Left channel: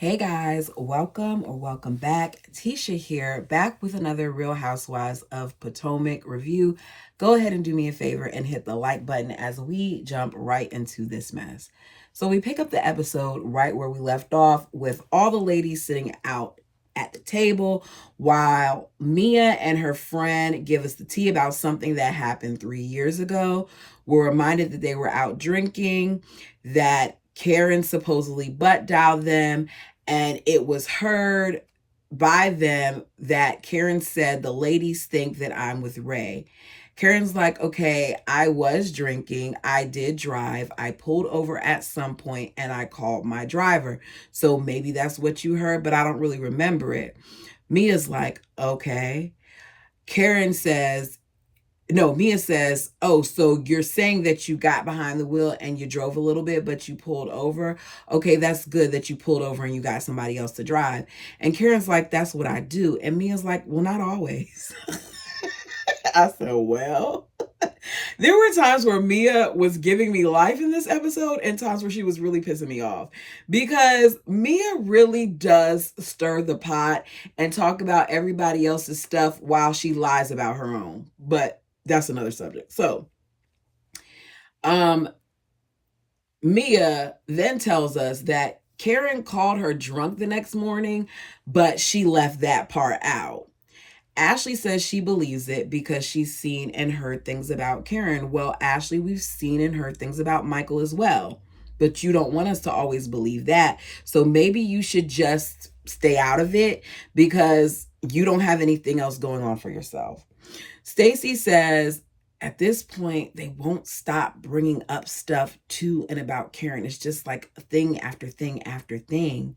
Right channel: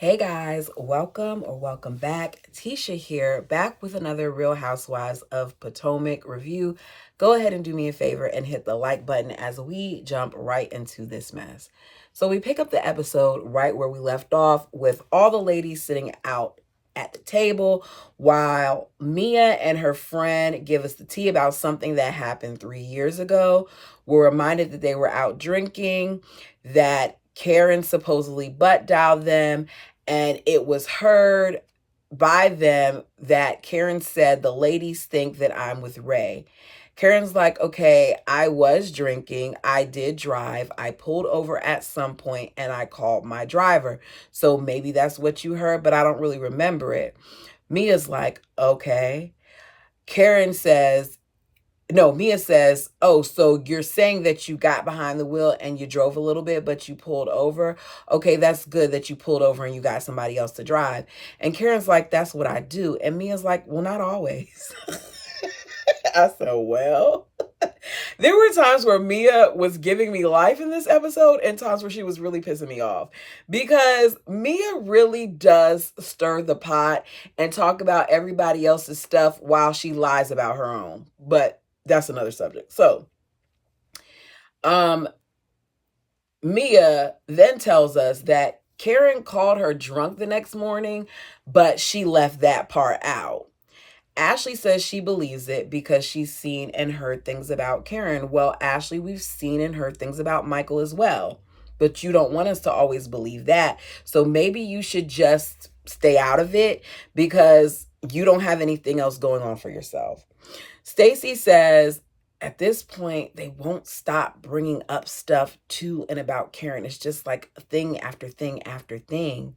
Hey guys, welcome or welcome back. Tisha here, back with another Real Housewives of Potomac review. Go ahead and do me a favor and hit the like button as we jump right into this mess. So we pick up the episode right where we left off with all the ladies sitting out at the table while Mia and her friend give us the tea about something that happened 3 years ago. We're reminded that they were out drinking, that Karen supposedly butt dialed them, and it was heard by them that Karen said, the ladies think that I'm with Ray. Karen's like, okay, I was drinking. I did drive. I pulled over at some point and I called my driver. So maybe that's what you heard, but I don't really remember it. Mia's like, okay. Karen says, no, Mia says, oh, so you're saying that you got behind the wheel and you drove a little bit, but you pulled over. Okay, that's good that you pulled over and you got somebody else to drive. And Karen's like, that's what I do. And Mia's like, well, not always. I said, well, there were times where Mia was giving me life in this episode and times where she was really pissing me off, because Mia really does stir the pot and talk about everybody else's stuff while she lies about her own. But that's another subject. So, Mia then tells us that Karen called her drunk the next morning, but she left that part out. Ashley says she believes it because she's seen and heard things about Karen. Well, Ashley, we've seen and heard things about Michael as well, but you don't want us to always believe that. So maybe you should just stay out of it because you don't have anything else going on for yourself. Stacy says at this point, they won't stop bringing up stuff to and about Karen. It's just like thing after thing after thing.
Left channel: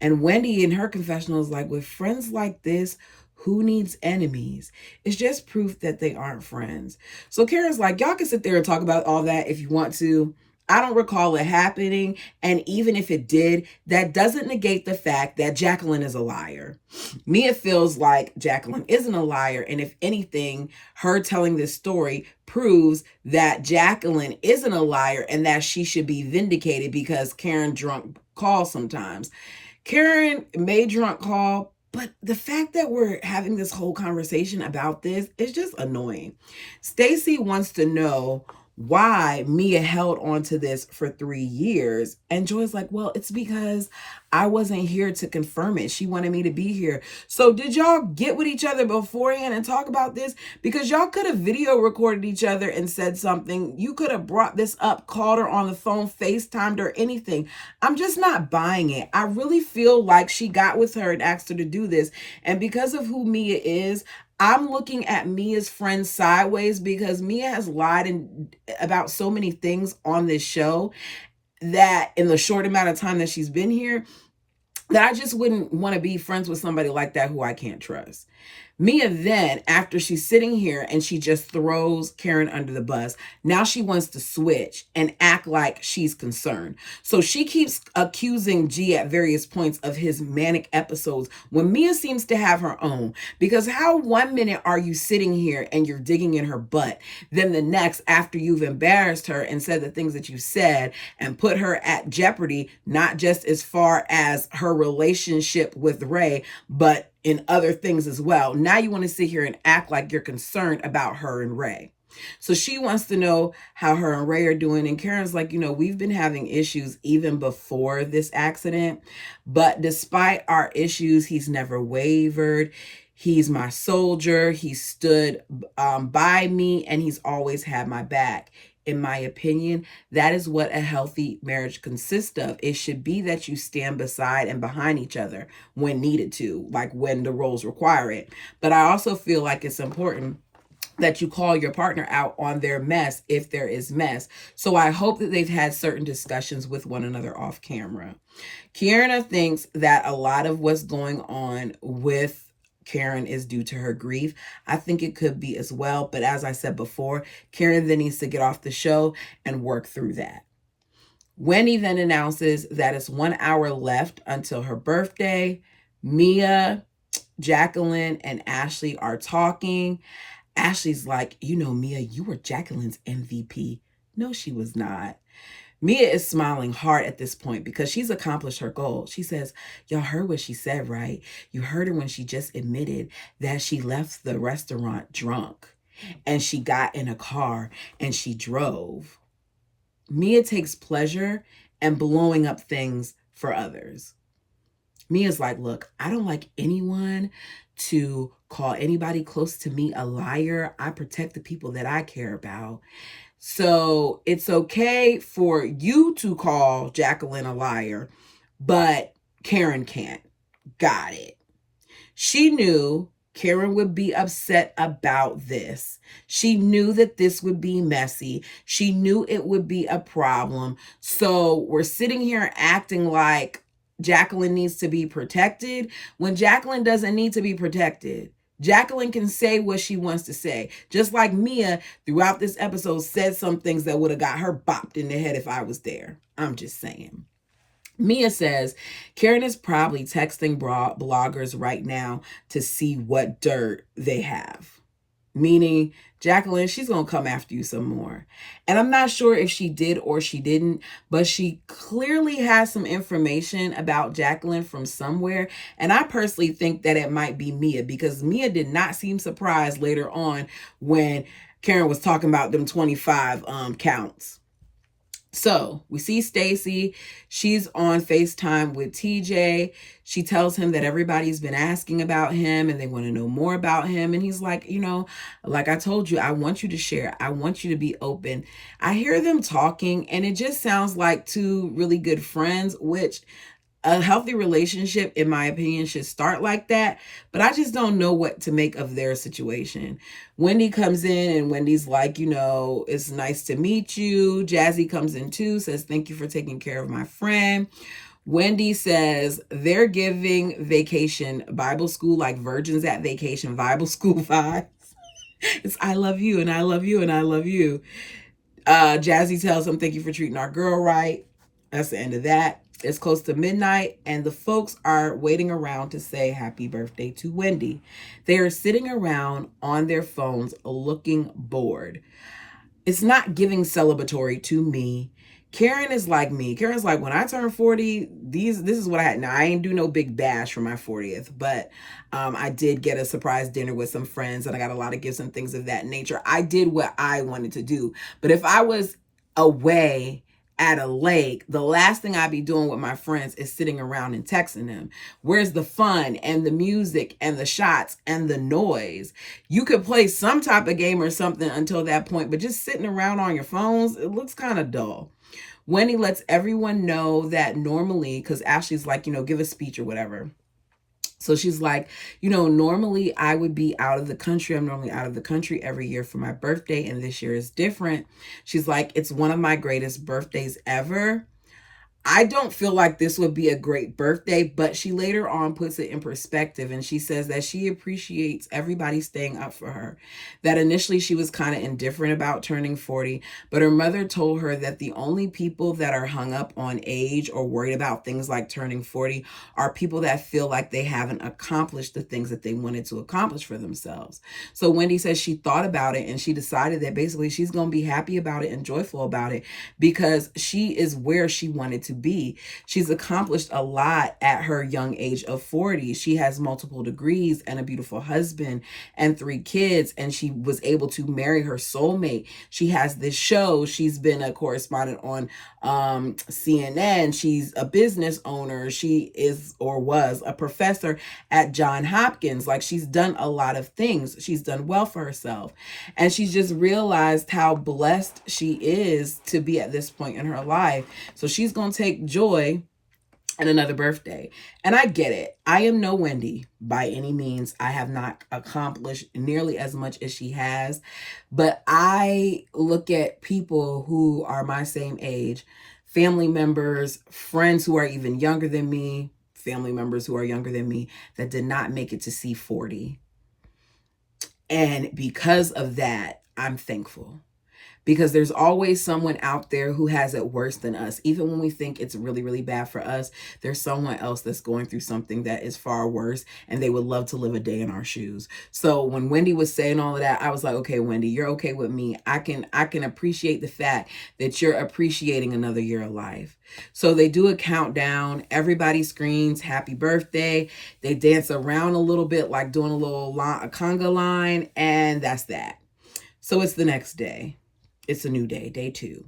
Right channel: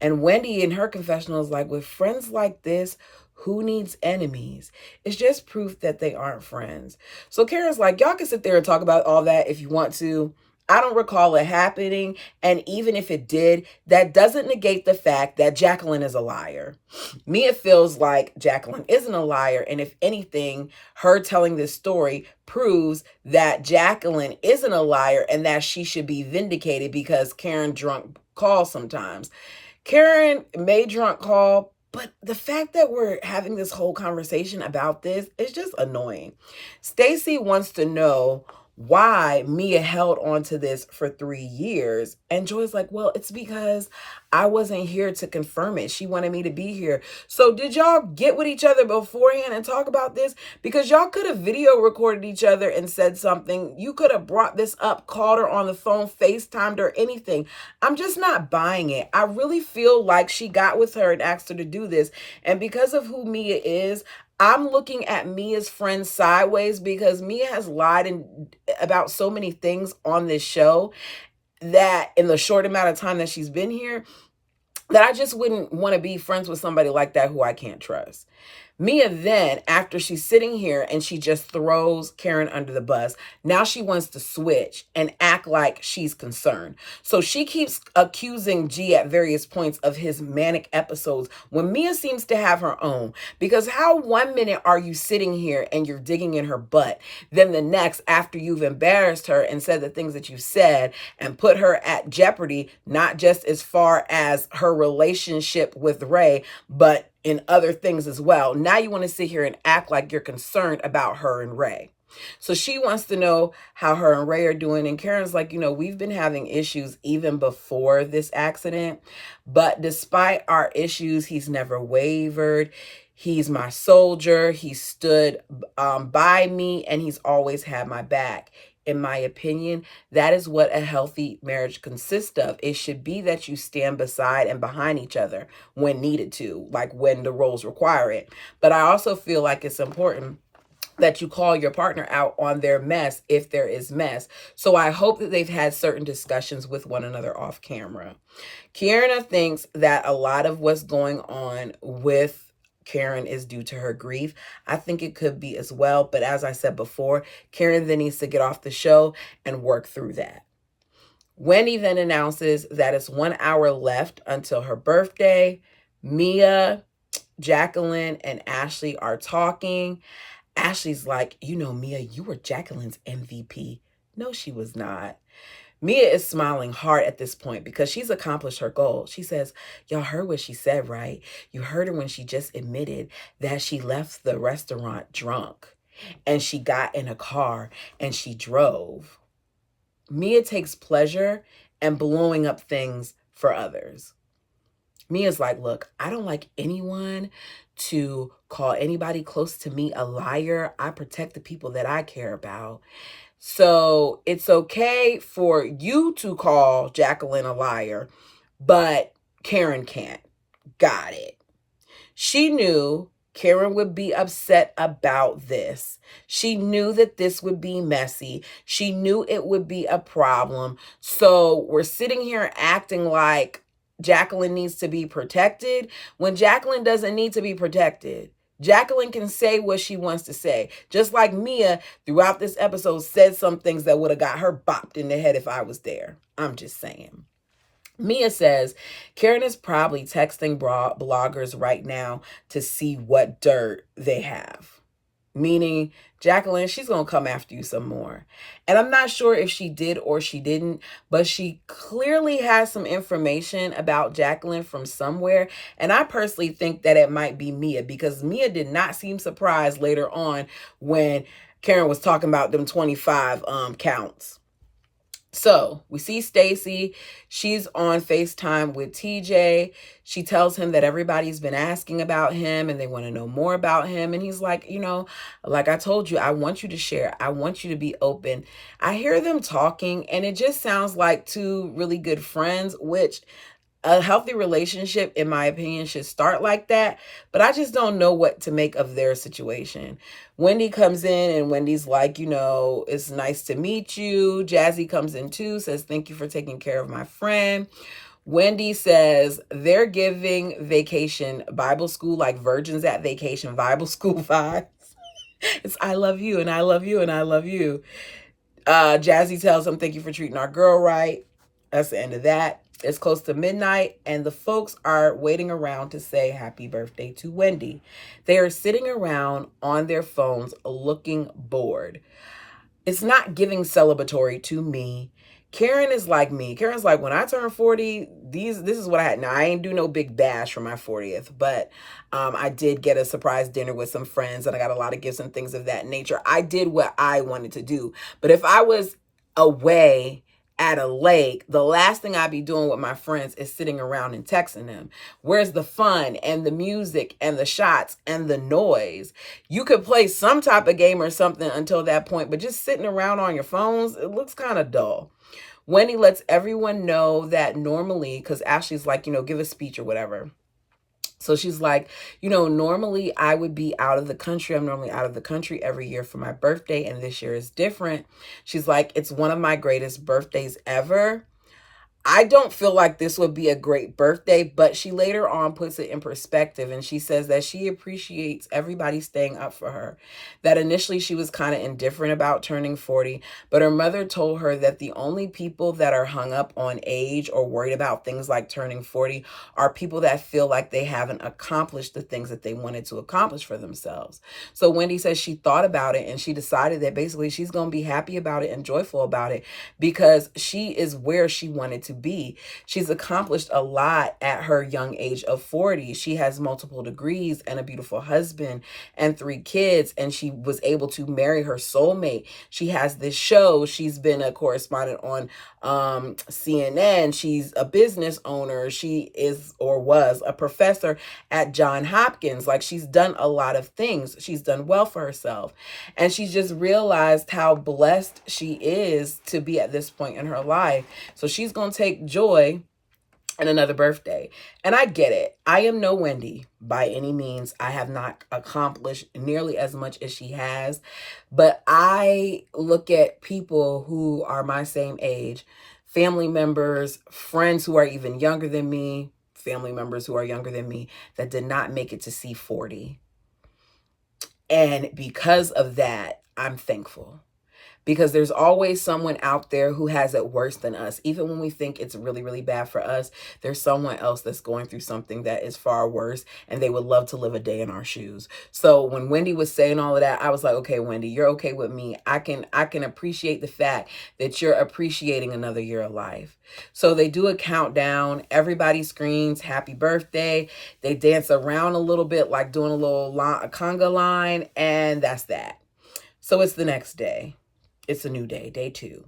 And Wendy in her confessional is like, with friends like this, who needs enemies? It's just proof that they aren't friends. So Karen's like, y'all can sit there and talk about all that if you want to. I don't recall it happening. And even if it did, that doesn't negate the fact that Jacqueline is a liar. Mia feels like Jacqueline isn't a liar. And if anything, her telling this story proves that Jacqueline isn't a liar and that she should be vindicated because Karen drunk calls sometimes. Karen may drunk call, but the fact that we're having this whole conversation about this is just annoying. Stacy wants to know why Mia held on to this for 3 years. And Joy's like, well, it's because I wasn't here to confirm it. She wanted me to be here. So did y'all get with each other beforehand and talk about this? Because y'all could have video recorded each other and said something. You could have brought this up, called her on the phone, FaceTimed her, anything. I'm just not buying it. I really feel like she got with her and asked her to do this. And because of who Mia is, I'm looking at Mia's friend sideways, because Mia has lied about so many things on this show that in the short amount of time that she's been here, that I just wouldn't want to be friends with somebody like that who I can't trust. Mia then, after she's sitting here and she just throws Karen under the bus, now she wants to switch and act like she's concerned. So she keeps accusing G at various points of his manic episodes when Mia seems to have her own. Because how 1 minute are you sitting here and you're digging in her butt, then the next, after you've embarrassed her and said the things that you said and put her at jeopardy, not just as far as her relationship with Ray, but in other things as well. Now you want to sit here and act like you're concerned about her and Ray. So she wants to know how her and Ray are doing. And Karen's like, we've been having issues even before this accident. But despite our issues, he's never wavered. He's my soldier. He stood by me and he's always had my back. In my opinion, that is what a healthy marriage consists of. It should be that you stand beside and behind each other when needed to, like when the roles require it. But I also feel like it's important that you call your partner out on their mess if there is mess. So I hope that they've had certain discussions with one another off camera. Kiana thinks that a lot of what's going on with Karen is due to her grief. I think it could be as well. But as I said before, Karen then needs to get off the show and work through that. Wendy then announces that it's 1 hour left until her birthday. Mia, Jacqueline, and Ashley are talking. Ashley's like, Mia, you were Jacqueline's MVP. No, she was not. Mia is smiling hard at this point because she's accomplished her goal. She says, y'all heard what she said, right? You heard her when she just admitted that she left the restaurant drunk and she got in a car and she drove. Mia takes pleasure in blowing up things for others. Mia's like, look, I don't like anyone to call anybody close to me a liar. I protect the people that I care about. So it's okay for you to call Jacqueline a liar, but Karen can't. Got it. She knew Karen would be upset about this. She knew that this would be messy. She knew it would be a problem. So we're sitting here acting like Jacqueline needs to be protected when Jacqueline doesn't need to be protected. Jacqueline can say what she wants to say. Just like Mia throughout this episode said some things that would have got her bopped in the head if I was there. I'm just saying. Mia says Karen is probably texting bloggers right now to see what dirt they have. Meaning, Jacqueline, she's going to come after you some more. And I'm not sure if she did or she didn't, but she clearly has some information about Jacqueline from somewhere. And I personally think that it might be Mia, because Mia did not seem surprised later on when Karen was talking about them 25 counts. So we see Stacy. She's on FaceTime with TJ. She tells him that everybody's been asking about him and they want to know more about him. And he's like, like I told you, I want you to share. I want you to be open. I hear them talking and it just sounds like two really good friends, which a healthy relationship, in my opinion, should start like that. But I just don't know what to make of their situation. Wendy comes in and Wendy's like, it's nice to meet you. Jazzy comes in too, says, thank you for taking care of my friend. Wendy says they're giving Vacation Bible School, like Virgins at Vacation Bible School vibes. It's I love you and I love you and I love you. Jazzy tells them, thank you for treating our girl right. That's the end of that. It's close to midnight and the folks are waiting around to say happy birthday to Wendy. They are sitting around on their phones looking bored. It's not giving celebratory to me. Karen is like me. Karen's like, when I turned 40, this is what I had. Now, I ain't do no big bash for my 40th, but I did get a surprise dinner with some friends and I got a lot of gifts and things of that nature. I did what I wanted to do. But if I was away at a lake, the last thing I'd be doing with my friends is sitting around and texting them. Where's the fun and the music and the shots and the noise? You could play some type of game or something until that point, but just sitting around on your phones, it looks kind of dull. Wendy lets everyone know that normally, because Ashley's like, give a speech or whatever. So she's like, normally I would be out of the country. I'm normally out of the country every year for my birthday, and this year is different. She's like, it's one of my greatest birthdays ever. I don't feel like this would be a great birthday, but she later on puts it in perspective and she says that she appreciates everybody staying up for her. That initially she was kind of indifferent about turning 40, but her mother told her that the only people that are hung up on age or worried about things like turning 40 are people that feel like they haven't accomplished the things that they wanted to accomplish for themselves. So Wendy says she thought about it and she decided that basically she's going to be happy about it and joyful about it because she is where she wanted to be. She's accomplished a lot at her young age of 40. She has multiple degrees and a beautiful husband and 3 kids, and she was able to marry her soulmate. She has this show. She's been a correspondent on CNN. She's a business owner. She is or was a professor at Johns Hopkins. Like, she's done a lot of things. She's done well for herself. And she's just realized how blessed she is to be at this point in her life. So she's going to take joy in another birthday. And I get it. I am no Wendy by any means. I have not accomplished nearly as much as she has. But I look at people who are my same age, family members, friends who are even younger than me, family members who are younger than me that did not make it to see 40. And because of that, I'm thankful. because there's always someone out there who has it worse than us. Even when we think it's really, really bad for us, there's someone else that's going through something that is far worse, and they would love to live a day in our shoes. So when Wendy was saying all of that, I was like, okay, Wendy, you're okay with me. I can appreciate the fact that you're appreciating another year of life. So they do a countdown. Everybody screams happy birthday. They dance around a little bit, like doing a conga line, and that's that. So it's the next day. It's a new day, day 2.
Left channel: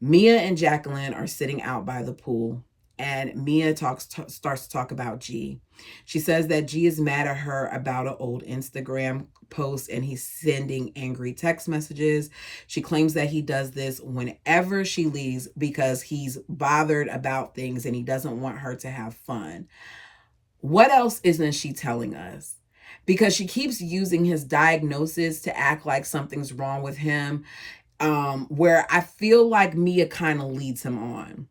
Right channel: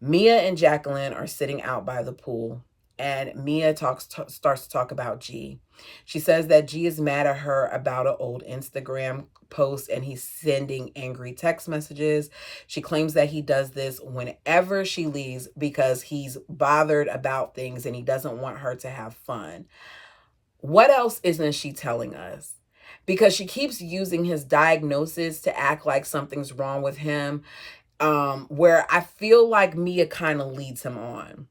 Mia and Jacqueline are sitting out by the pool, and Mia starts to talk about G. She says that G is mad at her about an old Instagram post, and he's sending angry text messages. She claims that he does this whenever she leaves because he's bothered about things and he doesn't want her to have fun. What else isn't she telling us? Because she keeps using his diagnosis to act like something's wrong with him, where I feel like Mia kind of leads him on.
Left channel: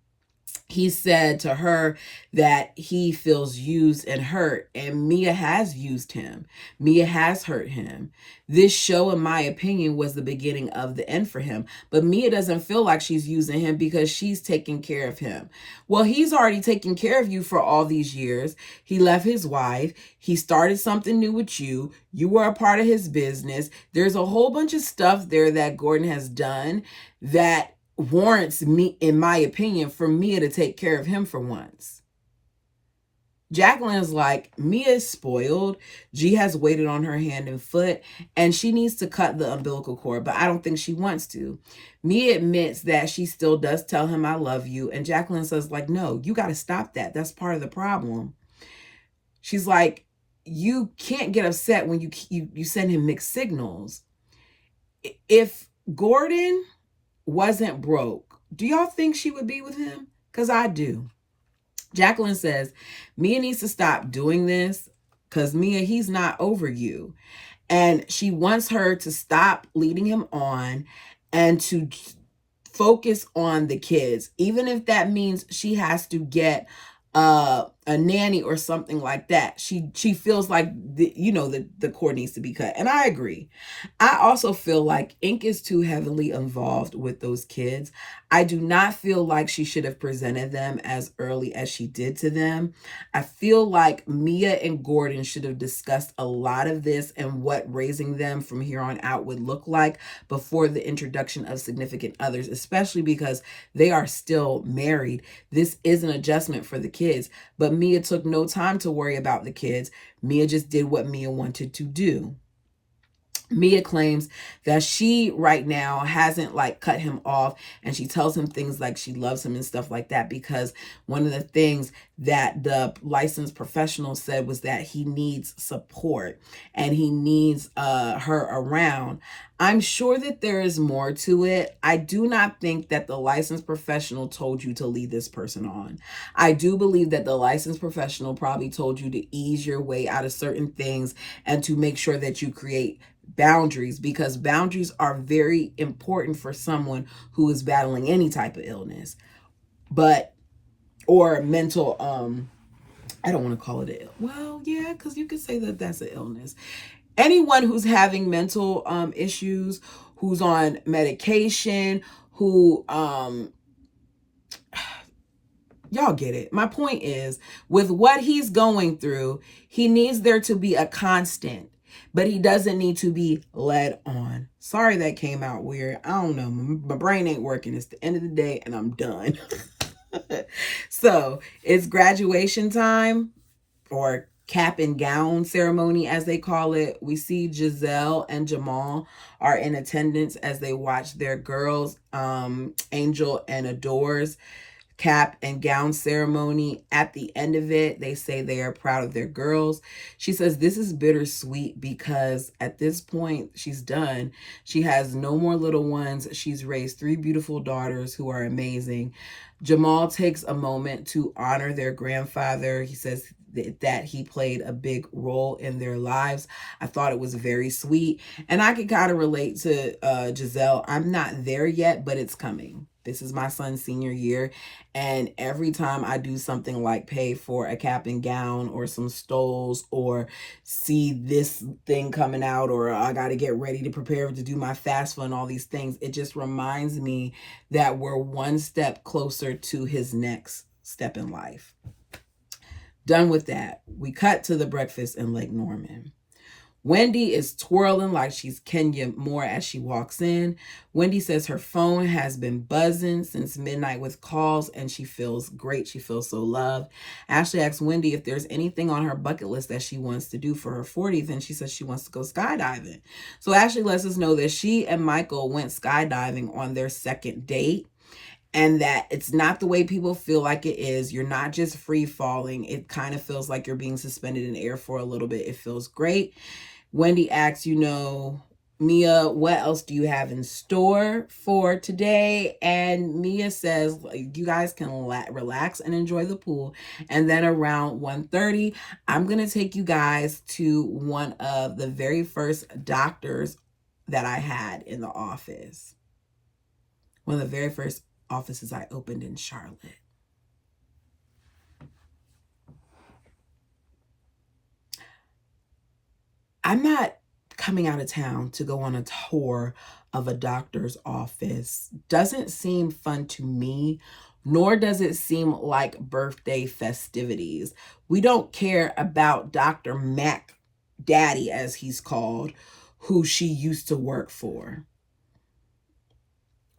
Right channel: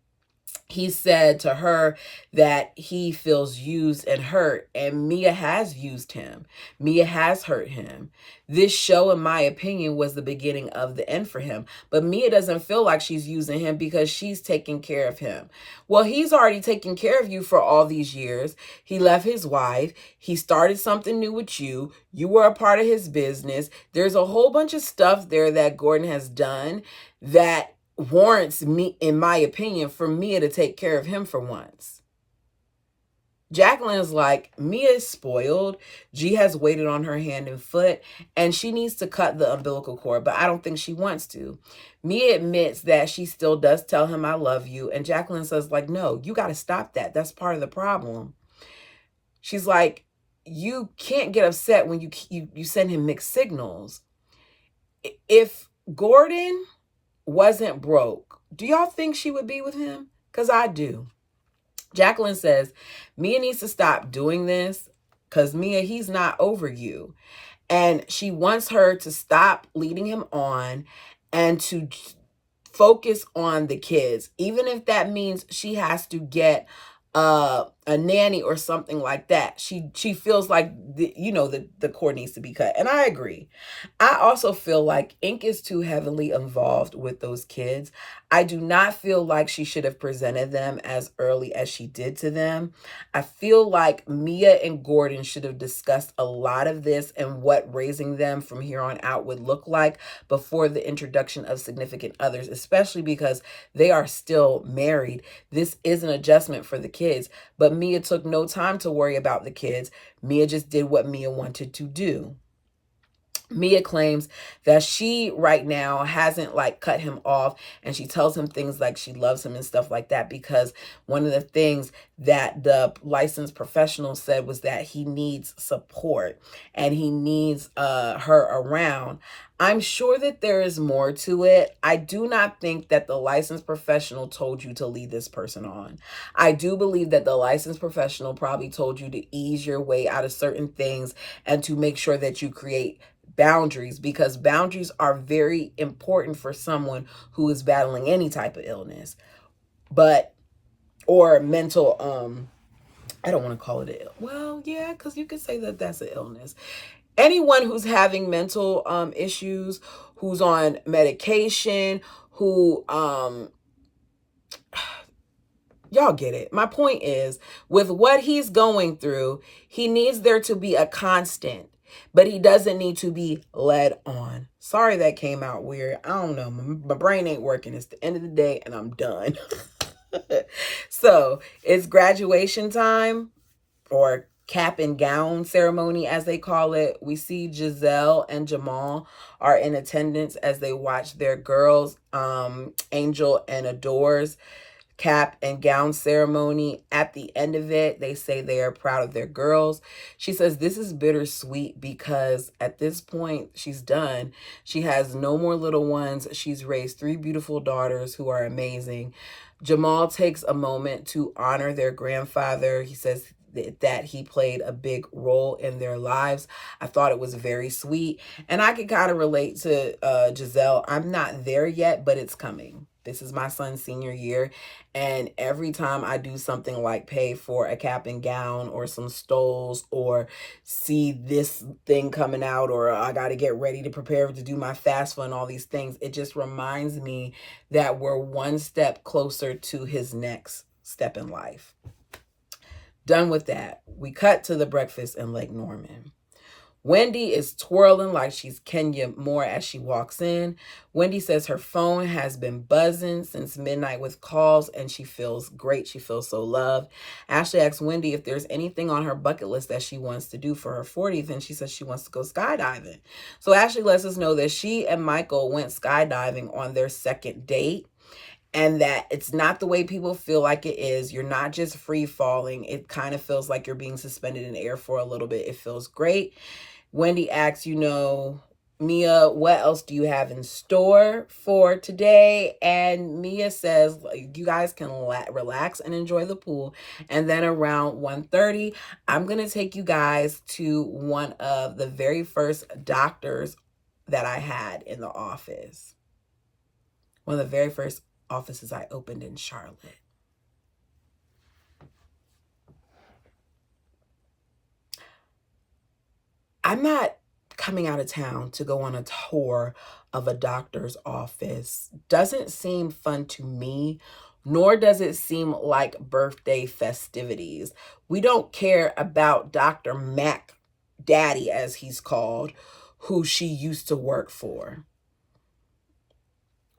He said to her that he feels used and hurt, and Mia has used him. Mia has hurt him. This show, in my opinion, was the beginning of the end for him. But Mia doesn't feel like she's using him because she's taking care of him. Well, he's already taken care of you for all these years. He left his wife. He started something new with you. You were a part of his business. There's a whole bunch of stuff there that Gordon has done that warrants me, in my opinion, for Mia to take care of him for once. Jacqueline is like, Mia is spoiled. G has waited on her hand and foot, and she needs to cut the umbilical cord, but I don't think she wants to. Mia admits that she still does tell him, I love you. And Jacqueline says, like, no, you got to stop that. That's part of the problem. She's like, you can't get upset when you send him mixed signals. If Gordon wasn't broke, do y'all think she would be with him? Because I do. Jacqueline says, Mia needs to stop doing this because Mia, he's not over you. And she wants her to stop leading him on and to focus on the kids, even if that means she has to get a nanny or something like that. She feels like the cord needs to be cut, and I agree. I also feel like Ink is too heavily involved with those kids. I do not feel like she should have presented them as early as she did to them. I feel like Mia and Gordon should have discussed a lot of this and what raising them from here on out would look like before the introduction of significant others, especially because they are still married. This is an adjustment for the kids, but Mia took no time to worry about the kids. Mia just did what Mia wanted to do. Mia claims that she right now hasn't cut him off, and she tells him things like she loves him and stuff like that, because one of the things that the licensed professional said was that he needs support and he needs her around. I'm sure that there is more to it. I do not think that the licensed professional told you to lead this person on. I do believe that the licensed professional probably told you to ease your way out of certain things and to make sure that you create boundaries, because boundaries are very important for someone who is battling any type of illness, or mental, I don't want to call it yeah, because you could say that that's an illness. Anyone who's having mental issues, who's on medication, who y'all get it. My point is, with what he's going through, he needs there to be a constant, but he doesn't need to be led on. Sorry that came out weird. I don't know. My brain ain't working. It's the end of the day and I'm done. So it's graduation time, or cap and gown ceremony, as they call it. We see Giselle and Jamal are in attendance as they watch their girls, Angel and Adore's cap and gown ceremony. At the end of it, they say they are proud of their girls. She says this is bittersweet because at this point she's done. She has no more little ones. She's raised 3 beautiful daughters who are amazing. Jamal takes a moment to honor their grandfather. He says that he played a big role in their lives. I thought it was very sweet, and I can kind of relate to Giselle. I'm not there yet, but it's coming. This is my son's senior year, and every time I do something like pay for a cap and gown or some stoles or see this thing coming out, or I got to get ready to prepare to do my FAFSA and all these things, it just reminds me that we're one step closer to his next step in life. Done with that, we cut to the breakfast in Lake Norman. Wendy is twirling like she's Kenya Moore as she walks in. Wendy says her phone has been buzzing since midnight with calls and she feels great. She feels so loved. Ashley asks Wendy if there's anything on her bucket list that she wants to do for her 40th, and she says she wants to go skydiving. So Ashley lets us know that she and Michael went skydiving on their second date, and that it's not the way people feel like it is. You're not just free falling. It kind of feels like you're being suspended in air for a little bit. It feels great. Wendy asks, Mia, what else do you have in store for today? And Mia says, you guys can relax and enjoy the pool. And then around 1:30, I'm going to take you guys to one of the very first doctors that I had in the office. One of the very first offices I opened in Charlotte. I'm not coming out of town to go on a tour of a doctor's office. Doesn't seem fun to me, nor does it seem like birthday festivities. We don't care about Dr. Mac Daddy, as he's called, who she used to work for.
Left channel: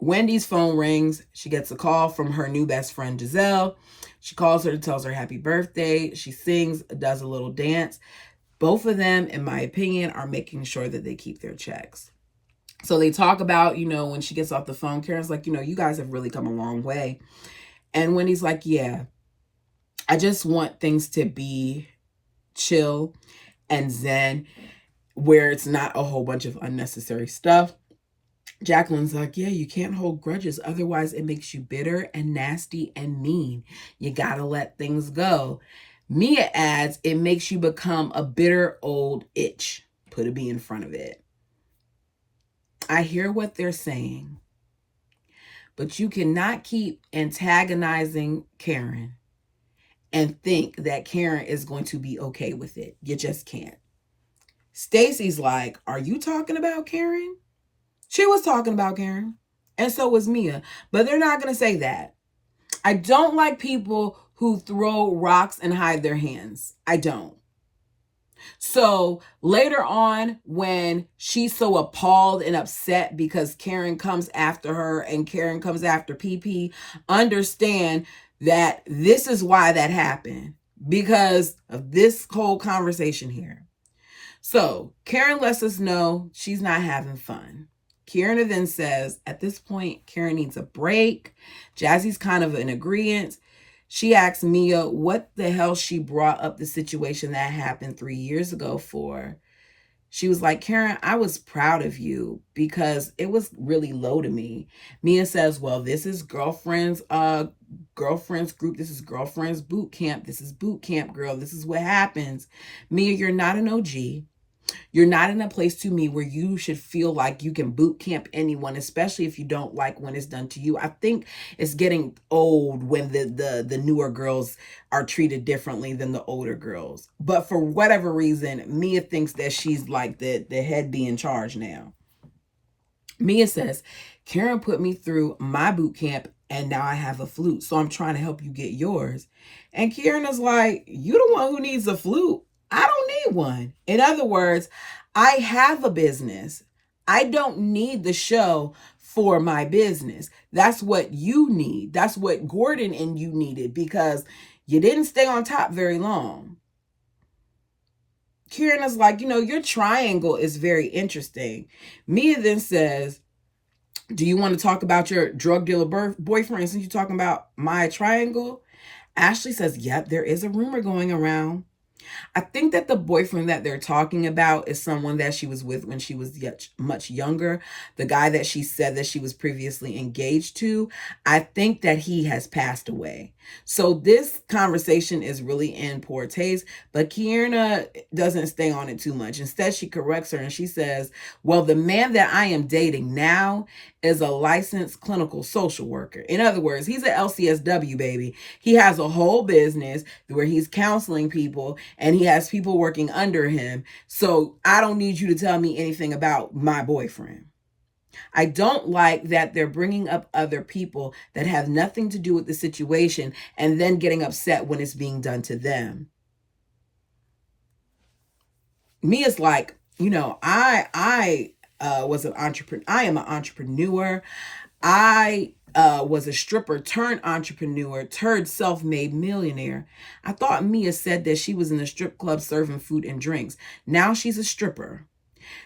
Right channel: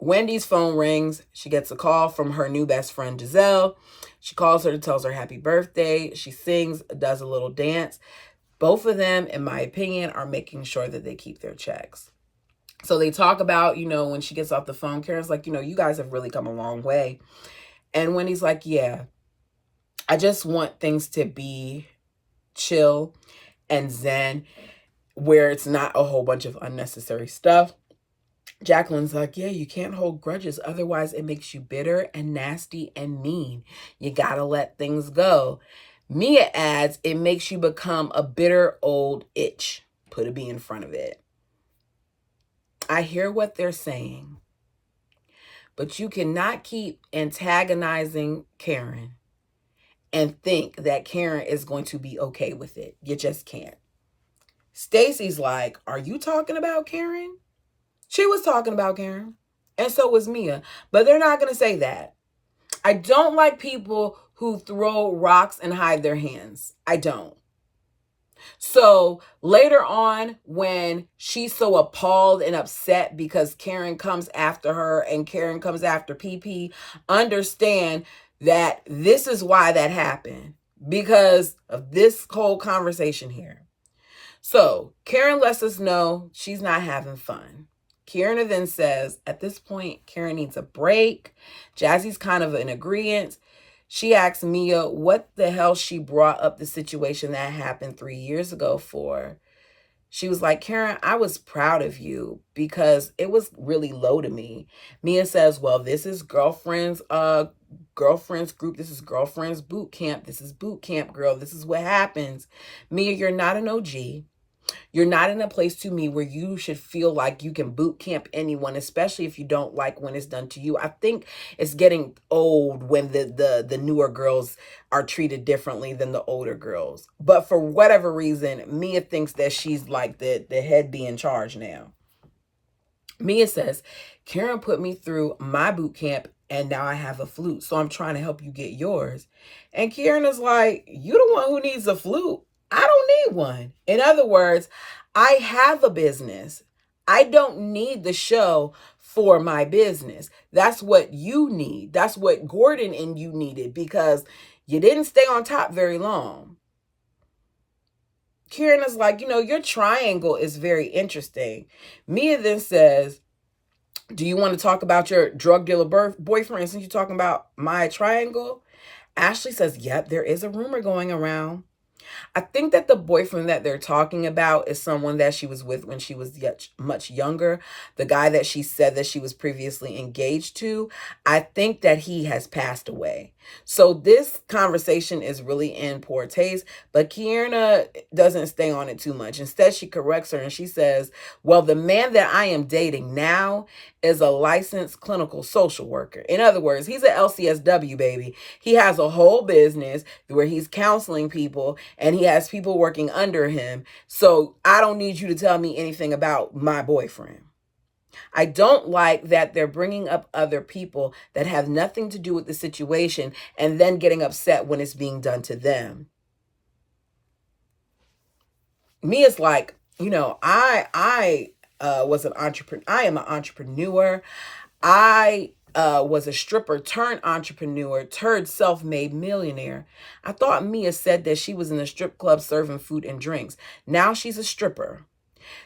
Wendy's phone rings. She gets a call from her new best friend, Giselle. She calls her to tell her happy birthday. She sings, does a little dance. Both of them, in my opinion, are making sure that they keep their checks. So they talk about, when she gets off the phone, Karen's like, you guys have really come a long way. And Wendy's like, yeah, I just want things to be chill and zen, where it's not a whole bunch of unnecessary stuff. Jacqueline's like, yeah, you can't hold grudges. Otherwise, it makes you bitter and nasty and mean. You got to let things go. Mia adds, it makes you become a bitter old itch. Put a B in front of it. I hear what they're saying, but you cannot keep antagonizing Karen and think that Karen is going to be okay with it. You just can't. Stacy's like, are you talking about Karen? She was talking about Karen, and so was Mia, but they're not going to say that. I don't like people who throw rocks and hide their hands. I don't. So later on, when she's so appalled and upset because Karen comes after her and Karen comes after PP, understand that this is why that happened, because of this whole conversation here. So Karen lets us know she's not having fun. Karen then says, at this point, Karen needs a break. Jazzy's kind of in agreement. She asks Mia what the hell she brought up the situation that happened 3 years ago for. She was like, Karen, I was proud of you because it was really low to me. Mia says, well, this is girlfriend's group. This is girlfriend's boot camp. This is boot camp, girl. This is what happens. Mia, you're not an OG. You're not in a place to me where you should feel like you can boot camp anyone, especially if you don't like when it's done to you. I think it's getting old when the newer girls are treated differently than the older girls. But for whatever reason, Mia thinks that she's like the head be in charge now. Mia says, Karen put me through my boot camp and now I have a flute. So I'm trying to help you get yours. And Karen is like, you the one who needs a flute. I don't need one. In other words, I have a business. I don't need the show for my business. That's what you need. That's what Gordon and you needed because you didn't stay on top very long. Karen is like, your triangle is very interesting. Mia then says, do you want to talk about your drug dealer boyfriend since you're talking about my triangle? Ashley says, yep, there is a rumor going around. I think that the boyfriend that they're talking about is someone that she was with when she was much younger. The guy that she said that she was previously engaged to, I think that he has passed away. So this conversation is really in poor taste, but Kierna doesn't stay on it too much. Instead, she corrects her and she says, well, the man that I am dating now is a licensed clinical social worker. In other words, he's an LCSW, baby. He has a whole business where he's counseling people and he has people working under him. So I don't need you to tell me anything about my boyfriend. I don't like that they're bringing up other people that have nothing to do with the situation and then getting upset when it's being done to them. Mia's like, I was an entrepreneur. I am an entrepreneur. I was a stripper turned entrepreneur, turned self-made millionaire. I thought Mia said that she was in a strip club serving food and drinks. Now she's a stripper.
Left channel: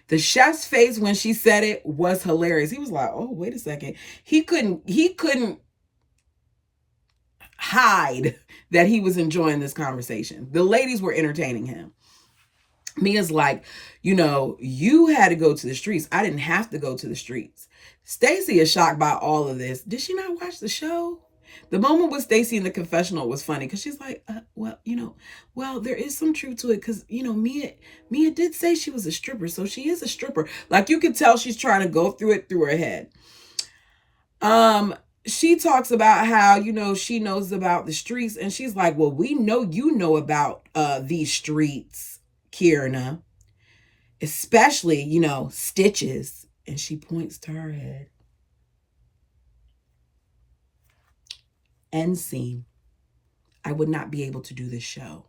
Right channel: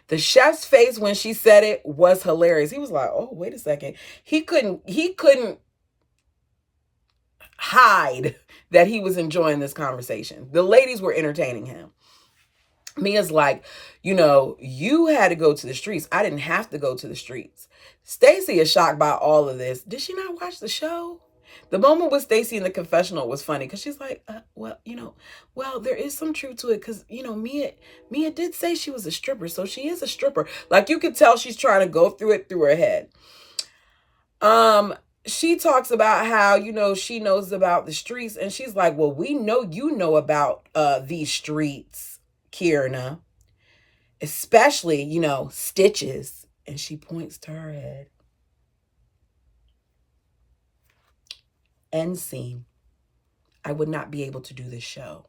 The chef's face when she said it was hilarious. He was like, "Oh, wait a second." He couldn't hide that he was enjoying this conversation. The ladies were entertaining him. Mia's like, you had to go to the streets. I didn't have to go to the streets. Stacey is shocked by all of this. Did she not watch the show? The moment with Stacey in the confessional was funny because she's like, well, there is some truth to it because, Mia did say she was a stripper, so she is a stripper. Like, you could tell she's trying to go through it through her head. She talks about how, she knows about the streets, and she's like, well, we know you know about these streets, Kierna, especially, stitches. And she points to her head. End scene. I would not be able to do this show.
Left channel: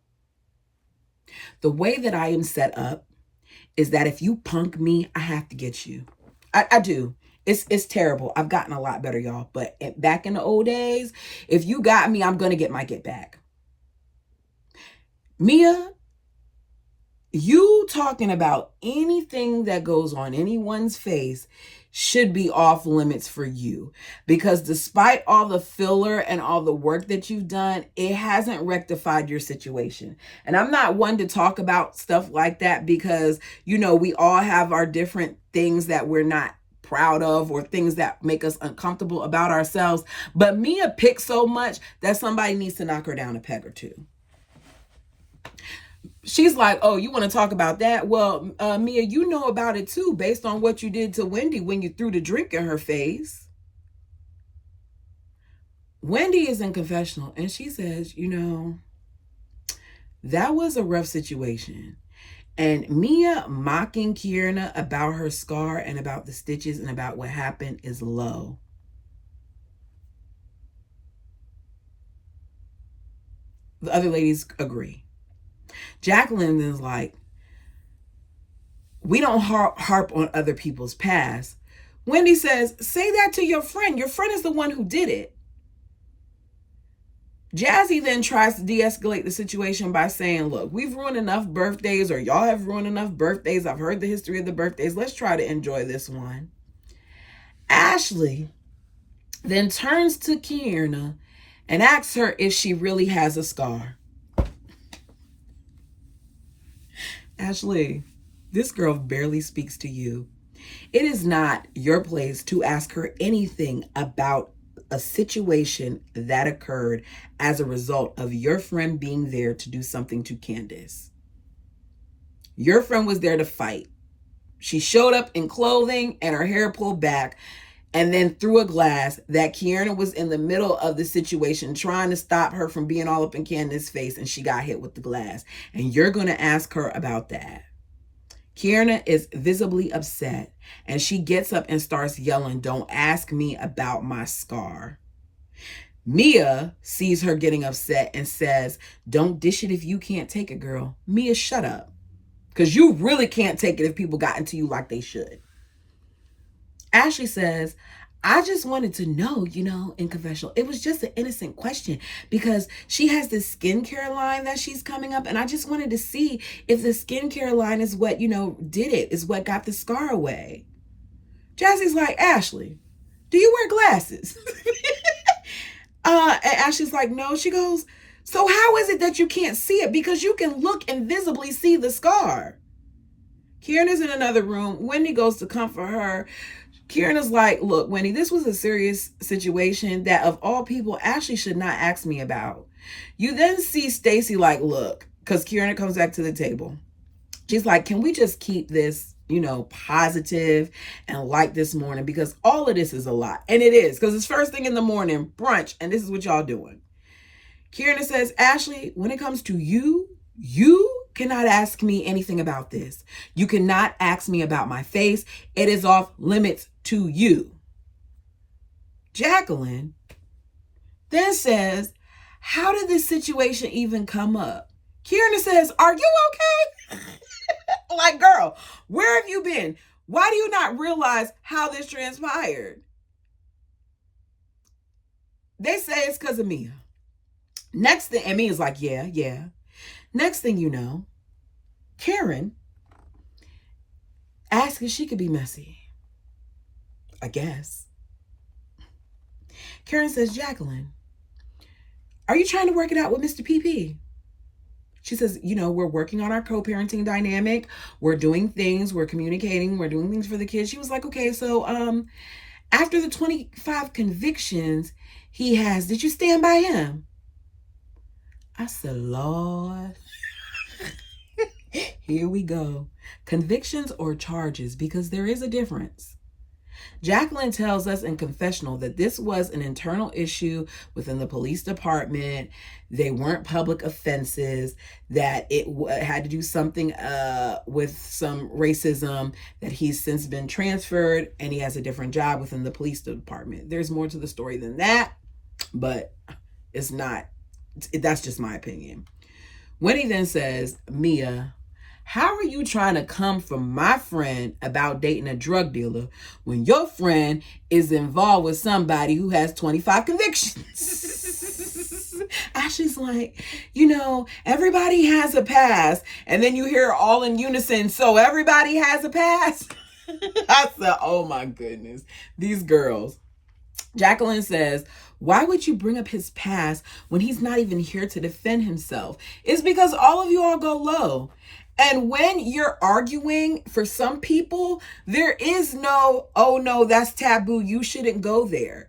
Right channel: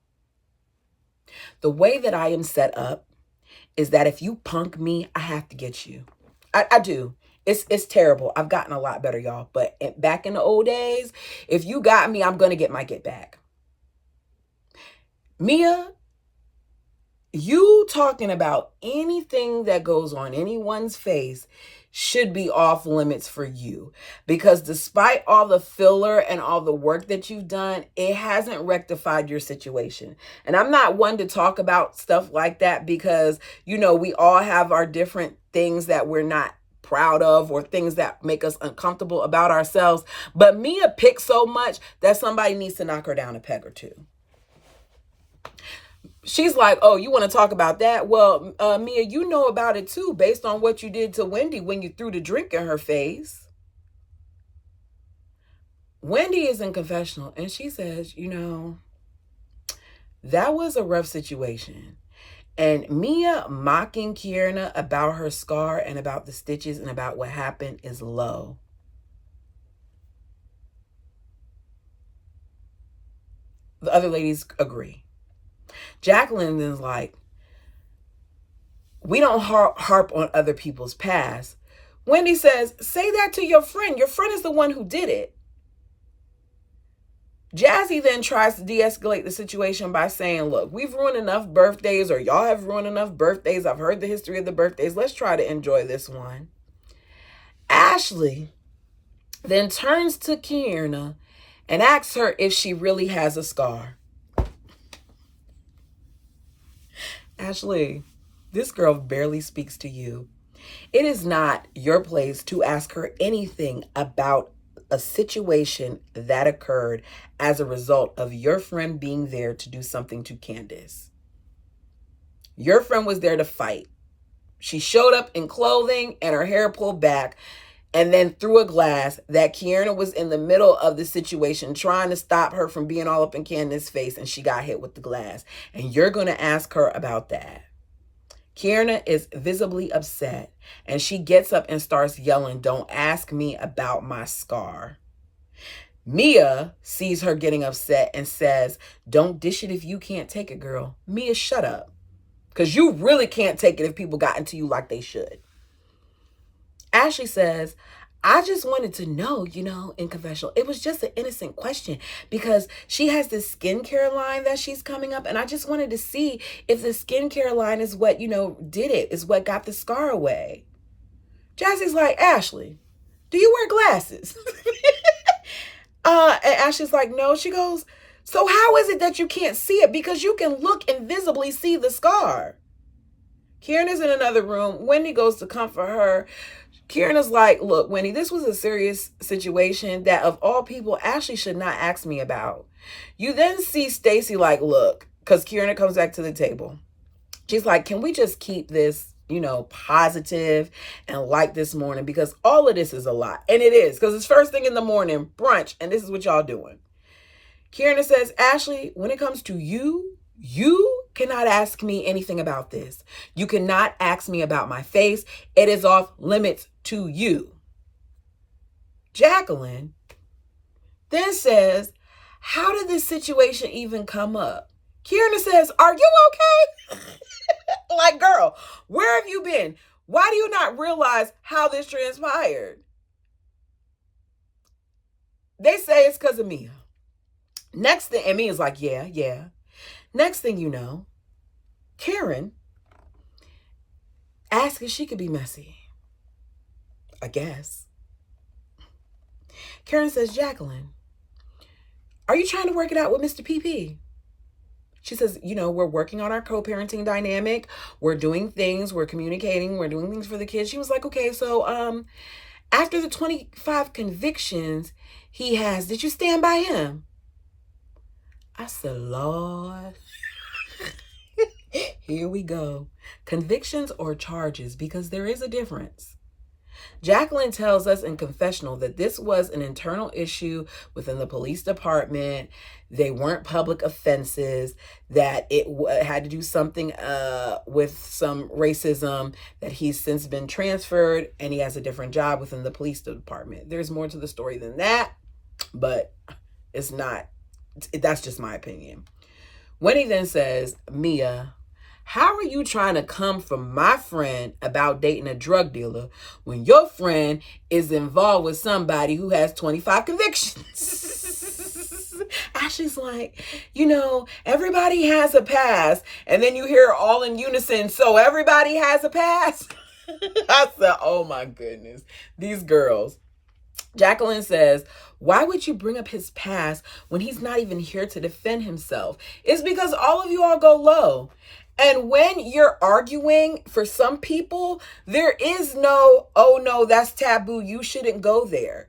The way that I am set up is that if you punk me, I have to get you. I do. It's terrible. I've gotten a lot better, y'all. But back in the old days, if you got me, I'm going to get my get back. Mia, you talking about anything that goes on anyone's face should be off limits for you, because despite all the filler and all the work that you've done, it hasn't rectified your situation. And I'm not one to talk about stuff like that because, we all have our different things that we're not proud of or things that make us uncomfortable about ourselves. But Mia picks so much that somebody needs to knock her down a peg or two. She's like, oh, you want to talk about that? Well, Mia, you know about it too, based on what you did to Wendy when you threw the drink in her face. Wendy is in confessional and she says, that was a rough situation. And Mia mocking Kierna about her scar and about the stitches and about what happened is low. The other ladies agree. Jacqueline is like, we don't harp on other people's past. Wendy says, say that to your friend. Your friend is the one who did it. Jazzy then tries to de-escalate the situation by saying, look, we've ruined enough birthdays, or y'all have ruined enough birthdays. I've heard the history of the birthdays. Let's try to enjoy this one. Ashley then turns to Kierna and asks her if she really has a scar. Ashley, this girl barely speaks to you. It is not your place to ask her anything about a situation that occurred as a result of your friend being there to do something to Candace. Your friend was there to fight. She showed up in clothing and her hair pulled back and then threw a glass that Kierna was in the middle of the situation trying to stop her from being all up in Candace's face, and she got hit with the glass. And you're going to ask her about that. Kierna is visibly upset, and she gets up and starts yelling, don't ask me about my scar. Mia sees her getting upset and says, don't dish it if you can't take it, girl. Mia, shut up. Because you really can't take it if people got into you like they should. Ashley says, I just wanted to know, in confessional, it was just an innocent question because she has this skincare line that she's coming up. And I just wanted to see if the skincare line is what, did it, is what got the scar away. Jazzy's like, Ashley, do you wear glasses? And Ashley's like, no. She goes, so how is it that you can't see it? Because you can look and visibly see the scar. Kieran is in another room. Wendy goes to comfort her. Kieran is like, look, Wendy, this was a serious situation that of all people, Ashley should not ask me about. You then see Stacy like, look, because Kieran comes back to the table. She's like, can we just keep this, positive and light this morning? Because all of this is a lot. And it is, because it's first thing in the morning, brunch, and this is what y'all doing. Kieran says, Ashley, when it comes to you cannot ask me anything about this. You cannot ask me about my face. It is off limits to you. Jacqueline then says, how did this situation even come up? Kieran says, are you okay? Like, girl, where have you been? Why do you not realize how this transpired? They say it's because of Mia. Next thing, and Mia's like, yeah. Next thing you know, Karen asks if she could be messy. I guess. Karen says, Jacqueline, are you trying to work it out with Mr. PP? She says, we're working on our co-parenting dynamic. We're doing things. We're communicating. We're doing things for the kids. She was like, okay, so after the 25 convictions he has, did you stand by him? I said, Lord, here we go. Convictions or charges, because there is a difference. Jacqueline tells us in confessional that this was an internal issue within the police department. They weren't public offenses, that it had to do something with some racism, that he's since been transferred and he has a different job within the police department. There's more to the story than that, but it's not, that's just my opinion. Wendy then says, Mia, how are you trying to come from my friend about dating a drug dealer when your friend is involved with somebody who has 25 convictions? Ashley's like, everybody has a past. And then you hear all in unison, so everybody has a past? I said, oh my goodness, these girls. Jacqueline says, why would you bring up his past when he's not even here to defend himself? It's because all of you all go low. And when you're arguing, for some people, there is no, oh no, that's taboo. You shouldn't go there.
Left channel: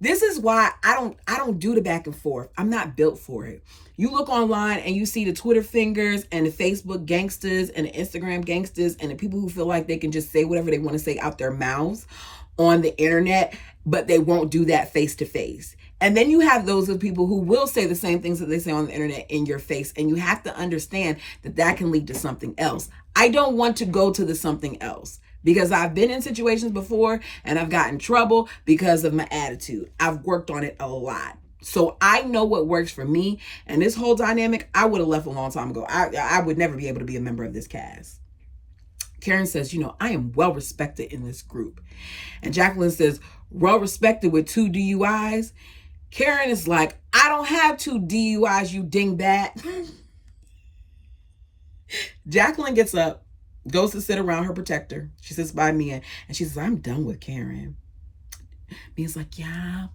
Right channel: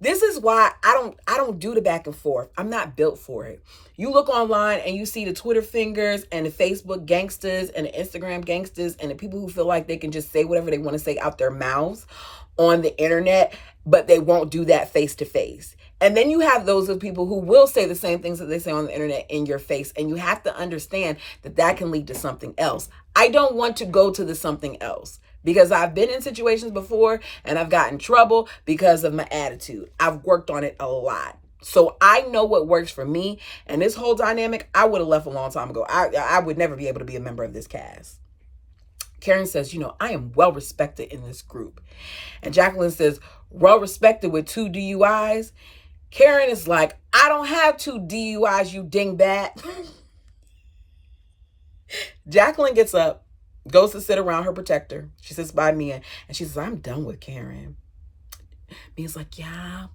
This is why I don't do the back and forth. I'm not built for it. You look online and you see the Twitter fingers and the Facebook gangsters and the Instagram gangsters and the people who feel like they can just say whatever they want to say out their mouths on the internet, but they won't do that face to face. And then you have those of people who will say the same things that they say on the internet in your face. And you have to understand that that can lead to something else. I don't want to go to the something else because I've been in situations before and I've gotten in trouble because of my attitude. I've worked on it a lot. So I know what works for me. And this whole dynamic, I would have left a long time ago. I would never be able to be a member of this cast. Karen says, I am well respected in this group. And Jacqueline says, well respected with 2 DUIs. Karen is like, I don't have 2 DUIs, you dingbat. Jacqueline gets up, goes to sit around her protector. She sits by Mia, and she says, I'm done with Karen. Mia's like, yeah,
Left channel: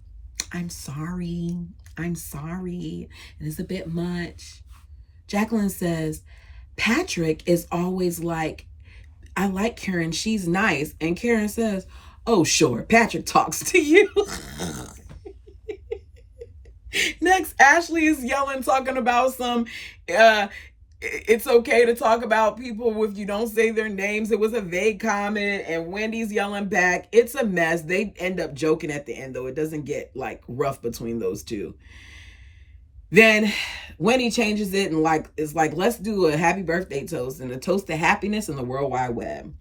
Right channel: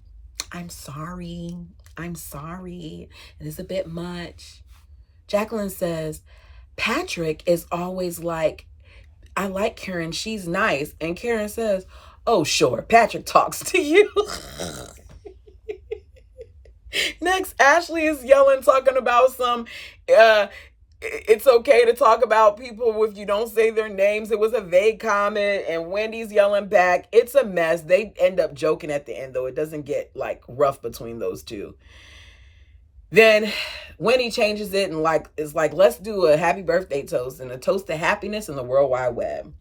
I'm sorry. It is a bit much. Jacqueline says, Patrick is always like, I like Karen, she's nice. And Karen says, oh, sure, Patrick talks to you. Next, Ashley is yelling, talking about some, it's okay to talk about people if you don't say their names. It was a vague comment, and Wendy's yelling back. It's a mess. They end up joking at the end, though. It doesn't get, rough between those two. Then Wendy changes it and, it's like, let's do a happy birthday toast and a toast to happiness in the World Wide Web.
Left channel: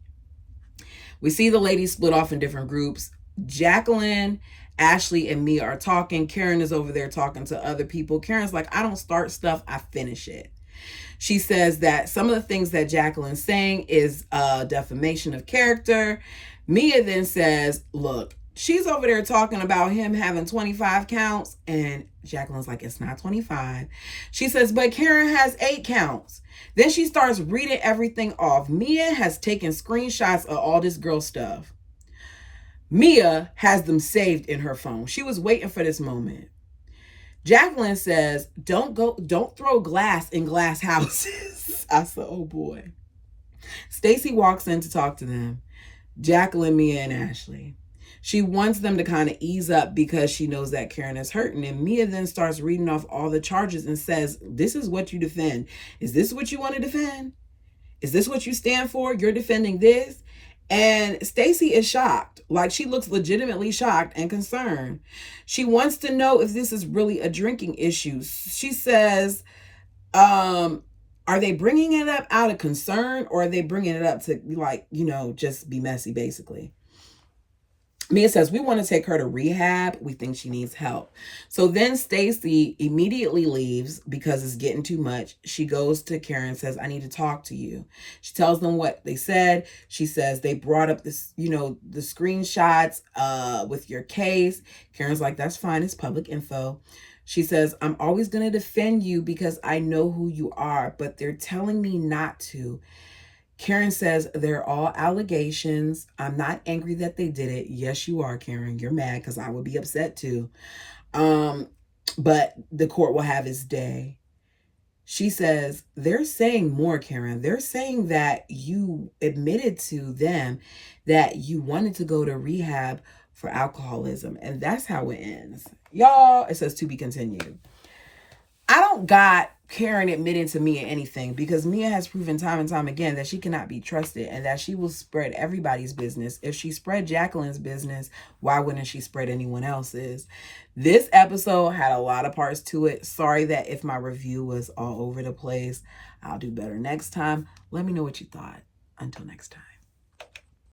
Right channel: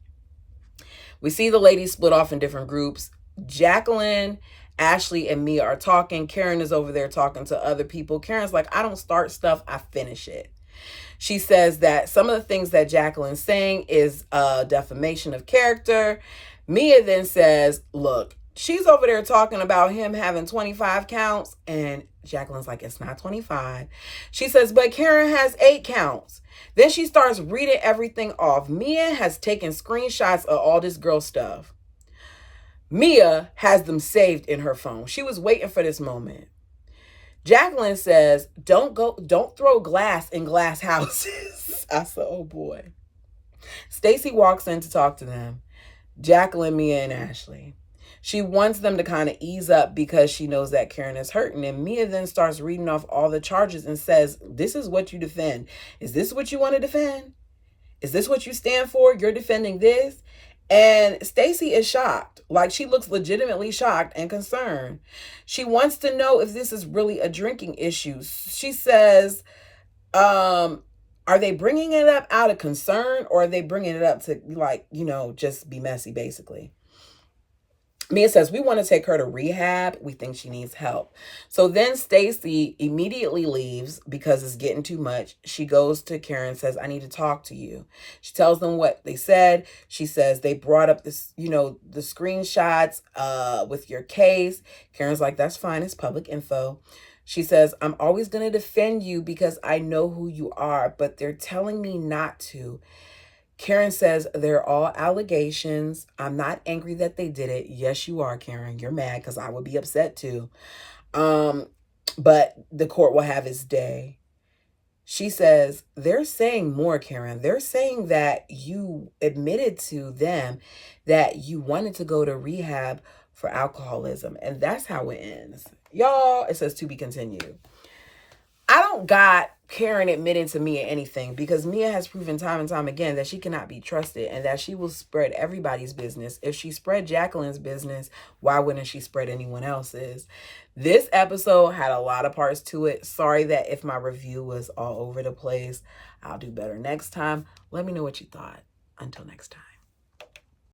We see the ladies split off in different groups. Jacqueline, Ashley, and Mia are talking. Karen is over there talking to other people. Karen's like, I don't start stuff, I finish it. She says that some of the things that Jacqueline's saying is defamation of character. Mia then says, look, she's over there talking about him having 25 counts. And Jacqueline's like, it's not 25. She says, but Karen has 8 counts. Then she starts reading everything off. Mia has taken screenshots of all this girl stuff. Mia has them saved in her phone. She was waiting for this moment. Jacqueline says, don't throw glass in glass houses. I said, oh boy. Stacy walks in to talk to them. Jacqueline, Mia, and Ashley. She wants them to kind of ease up because she knows that Karen is hurting. And Mia then starts reading off all the charges and says, this is what you defend. Is this what you want to defend? Is this what you stand for? You're defending this? And Stacy is shocked. Like, she looks legitimately shocked and concerned. She wants to know if this is really a drinking issue. She says, are they bringing it up out of concern, or are they bringing it up to, like, just be messy, basically? Mia says, we want to take her to rehab. We think she needs help. So then Stacy immediately leaves because it's getting too much. She goes to Karen and says, I need to talk to you. She tells them what they said. She says they brought up this, the screenshots with your case. Karen's like, that's fine. It's public info. She says, I'm always going to defend you because I know who you are, but they're telling me not to. Karen says, they're all allegations. I'm not angry that they did it. Yes, you are, Karen. You're mad because I would be upset too. But the court will have its day. She says, they're saying more, Karen. They're saying that you admitted to them that you wanted to go to rehab for alcoholism. And that's how it ends. Y'all, it says to be continued. I don't got Karen admitting to Mia anything, because Mia has proven time and time again that she cannot be trusted and that she will spread everybody's business. If she spread Jacqueline's business, why wouldn't she spread anyone else's? This episode had a lot of parts to it. Sorry that if my review was all over the place. I'll do better next time. Let me know what you thought. Until next time.